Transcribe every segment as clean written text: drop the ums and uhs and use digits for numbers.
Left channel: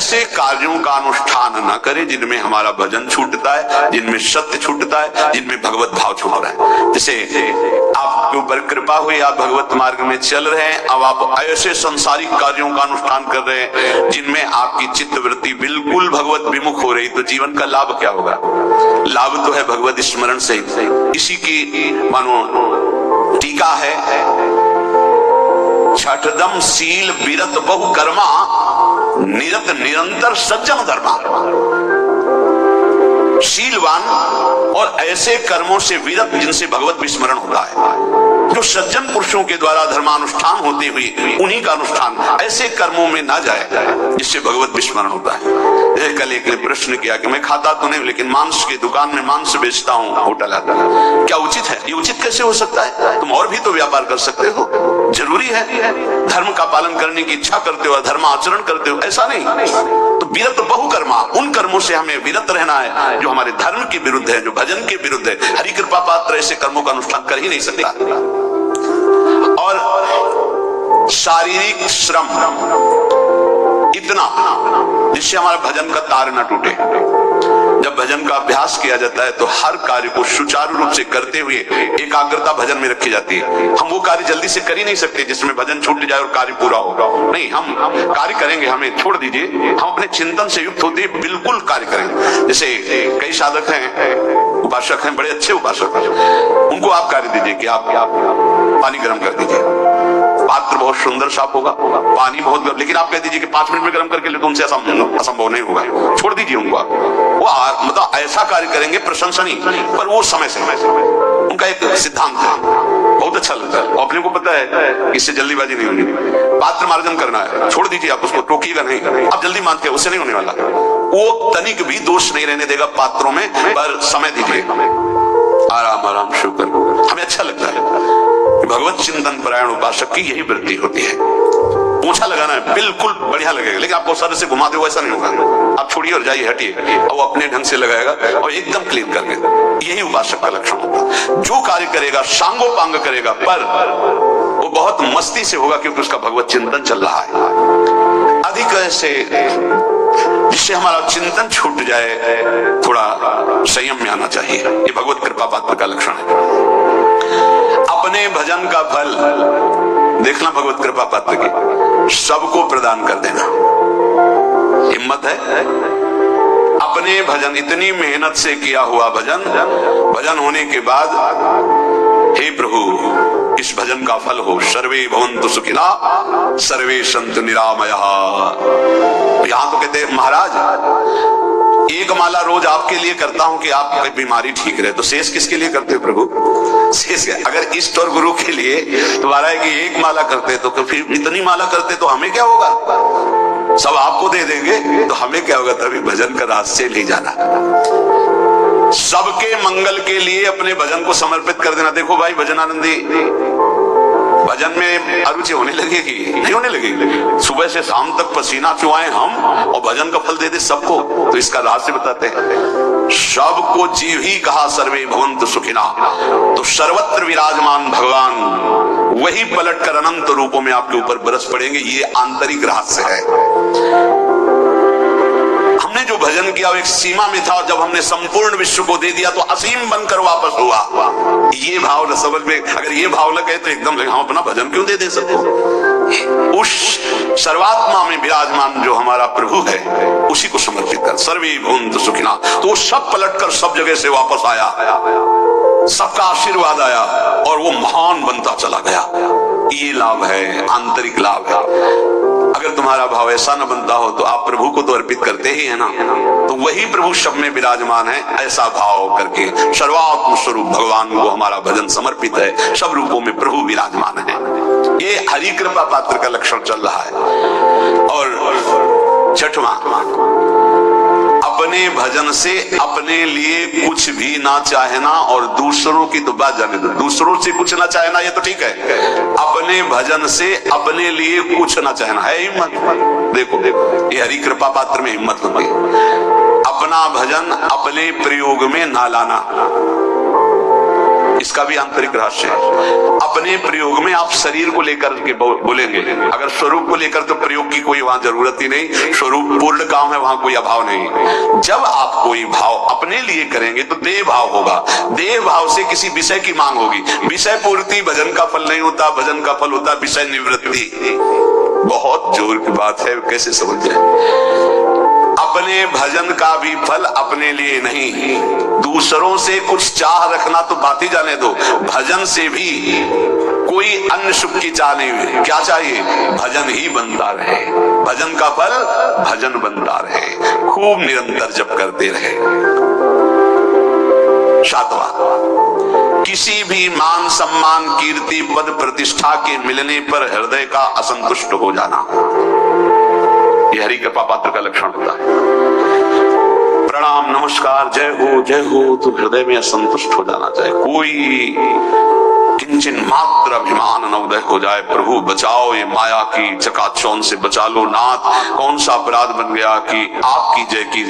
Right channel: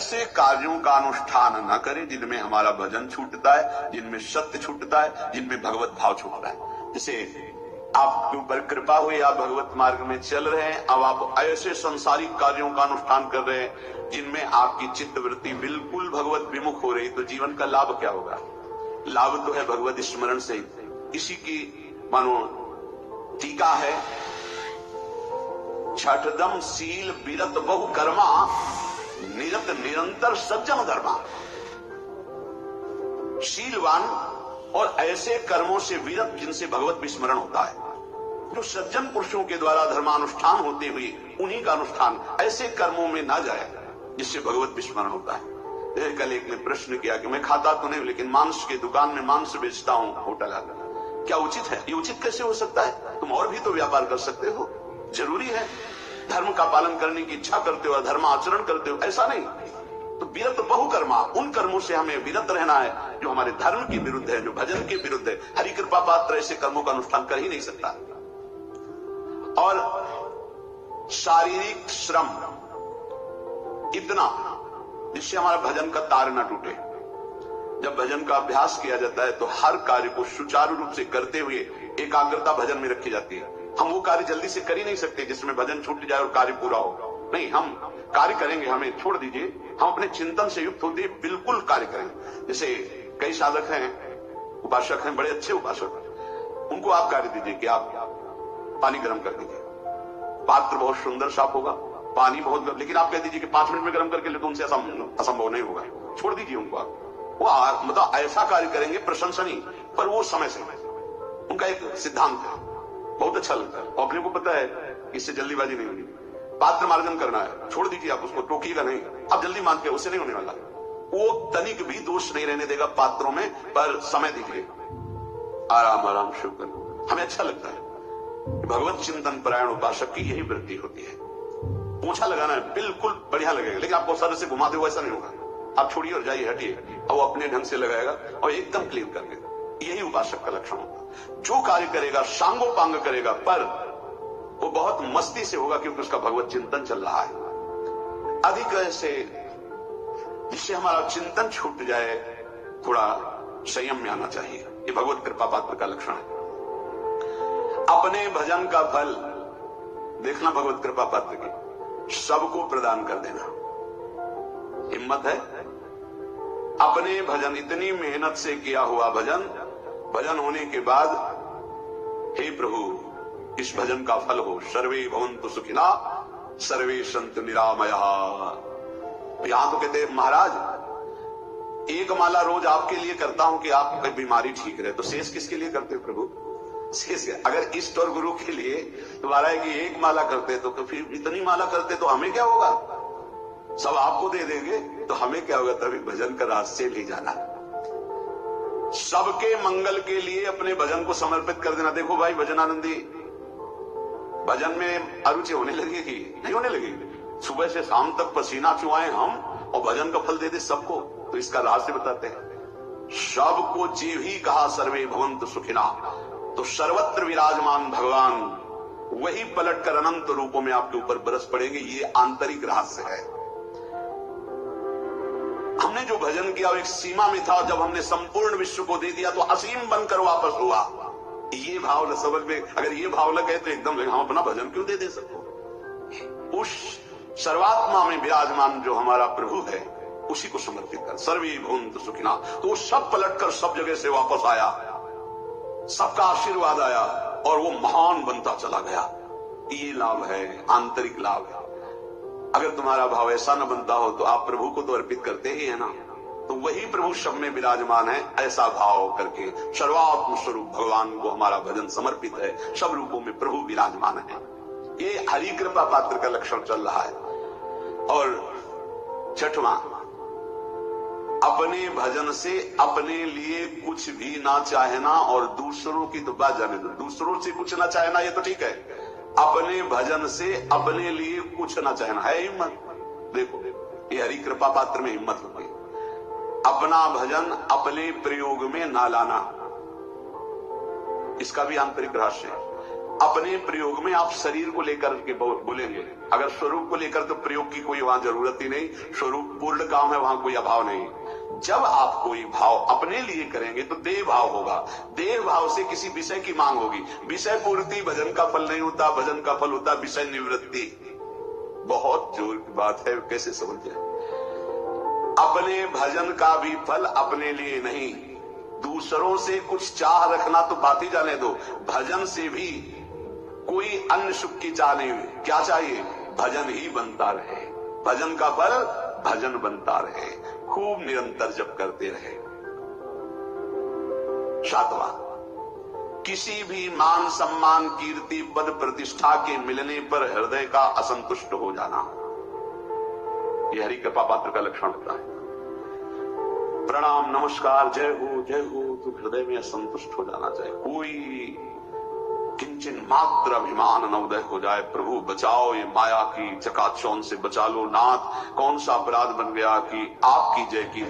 ऐसे कार्यों का अनुष्ठान न करे जिनमें हमारा भजन छूटता है, जिनमें सत्य छूटता है, जिनमें भगवत भाव छूट रहा है। जैसे आपके ऊपर कृपा हुई, आप भगवत मार्ग में चल रहे हैं, अब आप ऐसे संसारिक कार्यों का अनुष्ठान कर रहे हैं जिनमें आपकी चित्त वृत्ति बिल्कुल भगवत विमुख हो रही, तो जीवन का लाभ क्या होगा? लाभ तो है भगवत स्मरण से। इसी की मानो टीका है, छठदम शील विरत बहु कर्मा निरत निरंतर सज्जन धर्मा। शीलवान और ऐसे कर्मों से विरत जिनसे भगवत विस्मरण होता है, जो सज्जन पुरुषों के द्वारा धर्मानुष्ठान होते हुए उन्हीं का अनुष्ठान ऐसे कर्मों में ना जाए जिससे भगवत विस्मरण होता है। कल एक ने प्रश्न किया कि मैं खाता तो नहीं लेकिन मांस की दुकान में मांस बेचता हूँ, होटल आता है, क्या उचित है? ये उचित कैसे हो सकता है? तुम और भी तो व्यापार कर सकते हो। जरूरी है धर्म का पालन करने की इच्छा करते हो, धर्म आचरण करते हो, ऐसा नहीं। तो विरत बहुकर्मा, उन कर्मों से हमें विरत रहना है जो हमारे धर्म के विरुद्ध है, जो भजन के विरुद्ध है। हरि कृपा पात्र ऐसे कर्मों का अनुष्ठान कर ही नहीं सकता। और शारीरिक श्रम इतना जिससे हमारा भजन का तार न टूटे। जब भजन का अभ्यास किया जाता है तो हर कार्य को सुचारू रूप से करते हुए एकाग्रता भजन में रखी जाती है। हम वो कार्य जल्दी से कर ही नहीं सकते जिसमें भजन छूट जाए और कार्य पूरा हो। नहीं, हम कार्य करेंगे, हमें छोड़ दीजिए, हम अपने चिंतन से युक्त होते बिल्कुल कार्य करेंगे। जैसे कई साधक हैं, उपासक हैं, बड़े अच्छे उपासक हैं, उनको आप कार्य दीजिए कि आप पानी गर्म कर दीजिए, पात्र बहुत सुंदर साफ होगा, पानी बहुत गर्म, लेकिन आप कह दीजिए कि 5 मिनट में गर्म करके ले, तो उनसे असंभव नहीं होगा, छोड़ दीजिए उनको। वो मतलब ऐसा कार्य करेंगे प्रशंसनीय, पर वो समय से उनका एक सिद्धांत है, बहुत अच्छा लगता है। अपने को पता है इससे जल्दीबाजी नहीं होगी, पात्र मार्जन करना है, छोड़ दीजिए, आप उसको टोकिएगा नहीं, आप जल्दी मानते हैं, उससे नहीं होने वाला। वो तनिक भी दोष नहीं रहने देगा पात्रों में, पर समय दीजिए, आराम आराम शुक्र। हमें अच्छा लगता है। भगवत चिंतन परायण उपासक की यही वृत्ति होती है। पूछा लगाना है बिल्कुल बढ़िया लगेगा, लेकिन आपको सर से घुमा दो ऐसा नहीं होगा। आप छोड़िए और जाइए, हटिए, और वो अपने ढंग से लगाएगा और एकदम क्लीन करके। यही उपासक का लक्षण होता है। जो कार्य करेगा सांगोपांग करेगा, पर वो बहुत मस्ती से होगा क्योंकि उसका भगवत चिंतन चल रहा है। अधिक ऐसे जिससे हमारा चिंतन छूट जाए, थोड़ा संयम में आना चाहिए। ये भगवत कृपा पात्र का लक्षण है। अपने भजन का फल देखना भगवत कृपा पात्र की, सबको प्रदान कर देना। हिम्मत है अपने भजन, इतनी मेहनत से किया हुआ भजन, भजन होने के बाद हे प्रभु इस भजन का फल हो, सर्वे भवन्तु सुखिना सर्वे सन्तु निरामयाः। यहां तो कहते हैं महाराज एक माला रोज आपके लिए करता हूं कि आपकी बीमारी ठीक रहे, तो शेष किसके लिए करते हो प्रभु? शेष अगर इष्ट और गुरु के लिए तुम्हारा है कि एक माला करते तो फिर इतनी माला करते तो हमें क्या होगा? सब आपको दे देंगे तो हमें क्या होगा? तभी भजन का रास्ते नहीं जाना। सबके मंगल के लिए अपने भजन को समर्पित कर देना। देखो भाई भजनानंदी, भजन में अरुचि होने लगेगी? नहीं होने लगेगी। सुबह से शाम तक पसीना चुआए हम और भजन का फल दे दे सबको, तो इसका रहस्य बताते हैं। सबको जीव ही कहा सर्वे भवन्तु सुखिना, तो सर्वत्र विराजमान भगवान वही पलटकर अनंत रूपों में आपके ऊपर बरस पड़ेंगे। ये आंतरिक रहस्य है। हमने जो भजन किया वो एक सीमा में था, जब हमने संपूर्ण विश्व को दे दिया तो असीम बनकर वापस हुआ। ये भाव न समझ में, अगर ये भाव लगे तो एकदम लगे हम अपना भजन क्यों दे सबको? उस सर्वात्मा में विराजमान जो हमारा प्रभु है उसी को समर्पित कर, सर्वे भवन्तु सुखिना। तो वो सब पलटकर सब जगह से वापस आया, सबका आशीर्वाद आया और वो महान बनता चला गया। ये लाभ है, आंतरिक लाभ है। अगर तुम्हारा भाव ऐसा न बनता हो तो आप प्रभु को तो अर्पित करते ही है ना, तो वही प्रभु सब में विराजमान है। ऐसा भाव करके सर्वात्म स्वरूप भगवान को हमारा भजन समर्पित है, सब रूपों में प्रभु विराजमान है। ये हरि कृपा पात्र का लक्षण चल रहा है। और छठवां, अपने भजन से अपने लिए कुछ भी ना चाहना और दूसरों की तो बात जाने दो। दूसरों से कुछ ना चाहना ये तो ठीक है, अपने भजन से अपने लिए कुछ ना चाहना है हिम्मत। देखो ये हरि कृपा पात्र में हिम्मत होगी। अपना भजन अपने प्रयोग में ना लाना, इसका भी आंतरिक रहस्य है। अपने प्रयोग में आप शरीर को लेकर के बोलेंगे, अगर स्वरूप को लेकर तो प्रयोग की कोई वहां जरूरत ही नहीं, स्वरूप पूर्ण काम है, वहां कोई अभाव नहीं। जब आप कोई भाव अपने लिए करेंगे तो देह भाव होगा, देह भाव से किसी विषय की मांग होगी। विषय पूर्ति भजन का फल नहीं होता, भजन का फल होता विषय निवृत्ति। बहुत जोर की बात है, कैसे समझ जाए। अपने भजन का भी फल अपने लिए नहीं, दूसरों से कुछ चाह रखना तो बात ही जाने दो, भजन से भी कोई अन्य सुख की चाह नहीं। क्या चाहिए? भजन ही बनता रहे, भजन का फल भजन बनता रहे, खूब निरंतर जप करते रहे। सातवां, किसी भी मान सम्मान कीर्ति पद प्रतिष्ठा के मिलने पर हृदय का असंतुष्ट हो जाना, यह हरि कृपा पात्र का लक्षण होता है। प्रणाम नमस्कार जय हो तो हृदय में असंतुष्ट हो जाना चाहिए। कोई किंचन मात्र अभिमान न उदय हो जाए, प्रभु बचाओ ये माया की चकाचौंध से बचा लो नाथ। कौन सा अपराध बन गया कि आपकी जय की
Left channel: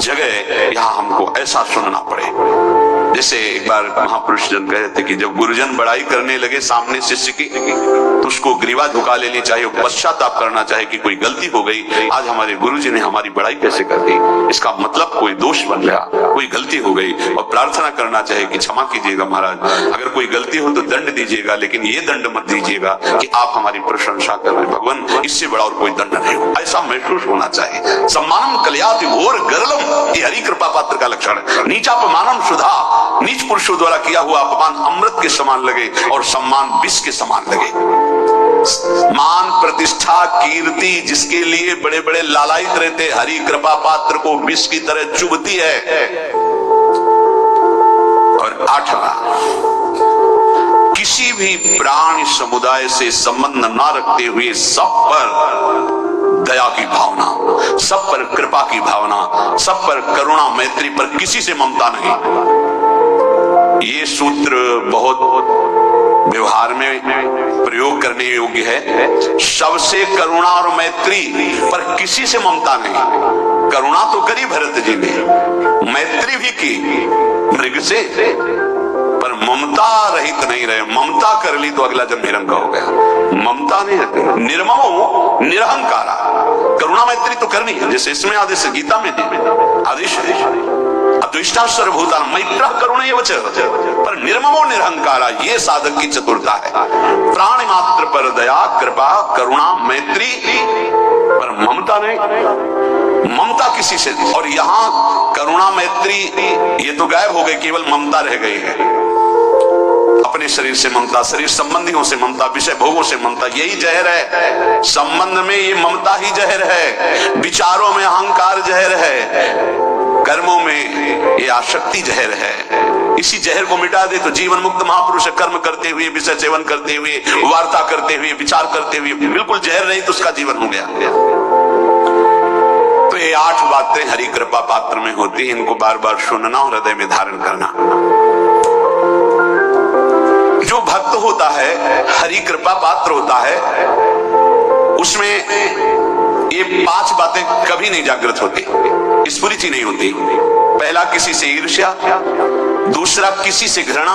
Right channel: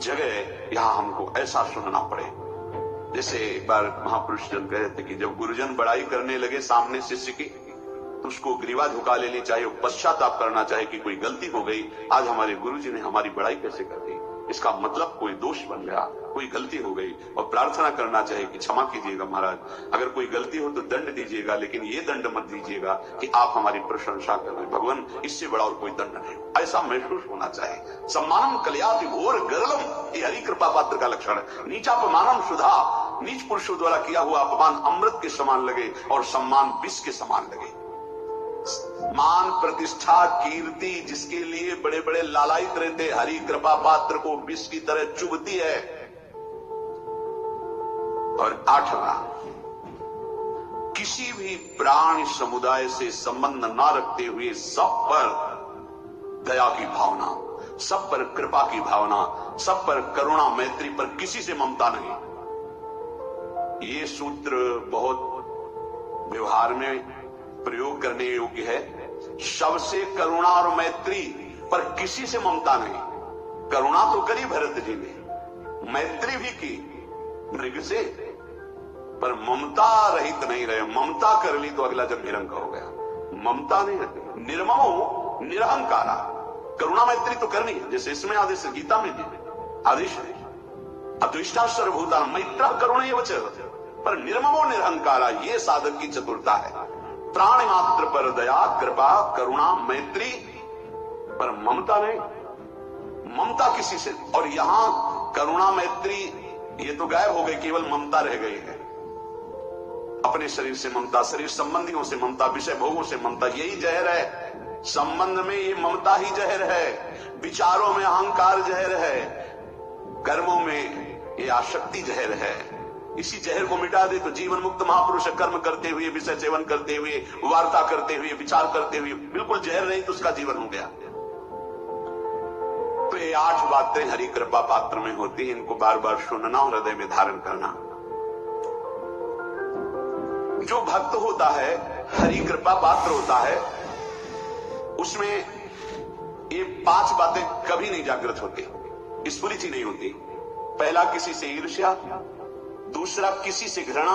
जगह यहाँ हमको ऐसा सुनना पड़े। जैसे एक बार महापुरुष जन कहे थे कि जब गुरुजन बड़ाई करने लगे सामने शिष्य की, तो उसको ग्रीवा झुका लेनी चाहिए, पश्चाताप करना चाहिए कि कोई गलती हो गई, आज हमारे गुरुजी ने हमारी बड़ाई कैसे कर दी, इसका मतलब कोई दोष बन गया, कोई गलती हो गई, और प्रार्थना करना चाहिए कि क्षमा कीजिएगा महाराज, अगर कोई गलती हो तो दंड दीजिएगा, लेकिन ये दंड मत दीजिएगा कि आप हमारी प्रशंसा कर रहे हैं भगवान, इससे बड़ा और कोई दंड नहीं हो। ऐसा महसूस होना चाहिए। सम्मानम कल्याति घोर गरलम, ये हरि कृपा पात्र का लक्षण है। नीचापमानम सुधा, नीच पुरुषों द्वारा किया हुआ अपमान अमृत के समान लगे और सम्मान विष के समान लगे। मान प्रतिष्ठा कीर्ति जिसके लिए बड़े बड़े लालायित रहते, हरि कृपा पात्र को विष की तरह चुभती है। और आठवां, किसी भी प्राणी समुदाय से संबंध न रखते हुए सब पर दया की भावना, सब पर कृपा की भावना, सब पर करुणा मैत्री पर किसी से ममता नहीं। ये सूत्र बहुत व्यवहार में प्रयोग करने योग्य है। सबसे करुणा और मैत्री पर किसी से ममता नहीं। करुणा तो करी भरत जी ने, मैत्री भी की मृग से, पर ममता रहित नहीं रहे। ममता कर ली तो अगला जन्म हिरण का हो गया। ममता नहीं रखते, निर्ममो निरहंकारा। करुणा मैत्री तो करनी है, जैसे इसमें आदेश गीता में आदेश है अद्विष्टा सर्वभूता मैत्र करुणे वच, पर निर्ममो निरहंकारा, ये साधक की चतुरता है। प्राणी मात्र पर दया कृपा करुणा मैत्री, पर ममता नहीं, ममता किसी से। और यहाँ करुणा मैत्री ये तो गायब हो गई, केवल ममता रह गई है। अपने शरीर से ममता, शरीर संबंधियों से ममता, विषय भोगों से ममता, यही जहर है। संबंध में ये ममता ही जहर है, विचारों में अहंकार जहर है, कर्मों में ये आसक्ति जहर है। इसी जहर को मिटा दे तो जीवन मुक्त महापुरुष कर्म करते हुए, विषय सेवन करते हुए, वार्ता करते हुए, विचार करते हुए, बिल्कुल जहर नहीं तो उसका जीवन हो गया। तो ये 8 बातें हरि कृपा पात्र में होती हैं, इनको बार बार सुनना और हृदय में धारण करना। जो भक्त होता है, हरि कृपा पात्र होता है, उसमें ये 5 बातें कभी नहीं जागृत होती, स्फुरित ही नहीं होती। पहला, किसी से ईर्ष्या, दूसरा किसी से घृणा,